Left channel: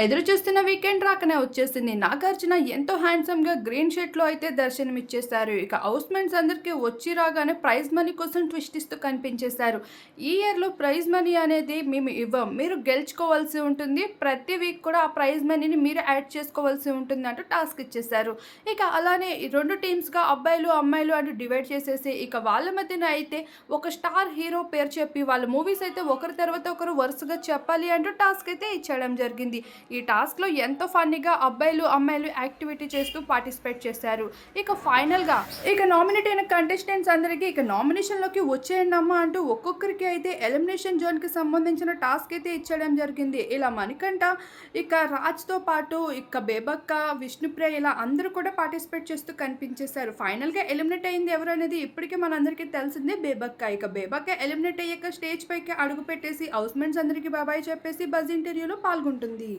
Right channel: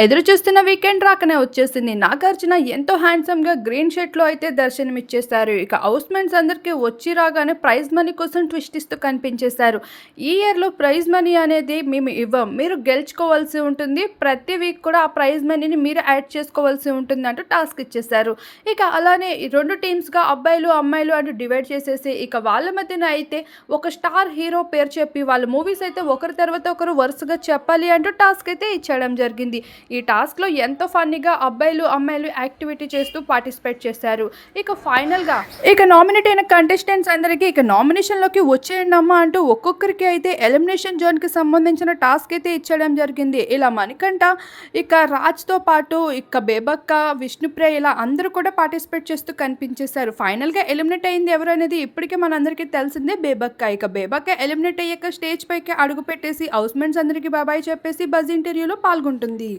ఎదురు చూస్తున్న వీకెండ్ రాకనే వచ్చేసింది. నాగార్జున ఎంతో హ్యాండ్సమ్గా గ్రీన్ షర్ట్లో అయితే దర్శనమిచ్చేశారు. ఇక హౌస్మెంట్స్ అందరికీ వచ్చి రాగానే ప్రైజ్ మనీ కోసం ట్విస్ట్ ఇస్తూ కనిపించేశారు. ఈ ఇయర్లో ప్రైజ్ మనీ అనేది మేము ఇవ్వం. మీరు గెలుచుకోవాల్సి ఉంటుంది. ప్రతి వీక్ కూడా ఆ ప్రైజ్ మనీని మీరు యాడ్ చేసుకోవాల్సి ఉంటుంది అంటూ టాస్క్ ఇచ్చేశారు. ఇక అలానే రెండు టీమ్స్గా అబ్బాయిలు అమ్మాయిలు అంటూ డివైడ్ చేసేసి ఇక వాళ్ళ మధ్యన అయితే ఒక స్టార్ హీరో పేరు చెప్పి వాళ్ళ మూవీస్ అయితే ఒకరి తర్వాత ఒకరు వరుసగా చెప్పాలి అంటూ టాస్క్ అయితే ఇచ్చడం జరిగింది. ఈ టాస్క్లో ఎంతో ఫన్నీగా అబ్బాయిలు అమ్మాయిలు యాక్టివిటీ చేస్తూ పార్టిసిపేట్ చేశారు. ఇక ఫైనల్గా ఇక నామినేట్ అయిన కంటెస్టెంట్స్ అందరికీ ఇక నామినేషన్లోకి వచ్చేయండి అమ్మా అంటూ ఒక్కొక్కరికి అయితే ఎలిమినేషన్ జోన్కి సంబంధించిన టాస్క్ అయితే ఇచ్చడం జరిగింది. ఇలా మణికంఠ ఇక రాజ్తో పాటు ఇక బేబక్క విష్ణుప్రియ ఇలా అందరూ కూడా పార్టిసిపేట్ చేస్తూ కనిపించేశారు. ఫైనల్గా ఎలిమినేట్ అయింది ఎవరు అనేది ఇప్పటికే మనందరికీ తెలిసిందే. బేబక్క ఇక బేబక్క ఎలిమినేట్ అయ్యాక స్టేజ్ పైకి అడుగు పెట్టేసి హౌస్మెంట్స్ అందరికీ బాబాయ్ చెప్పేసి బజ్ ఇంటర్వ్యూలో పాల్గొంటుంది.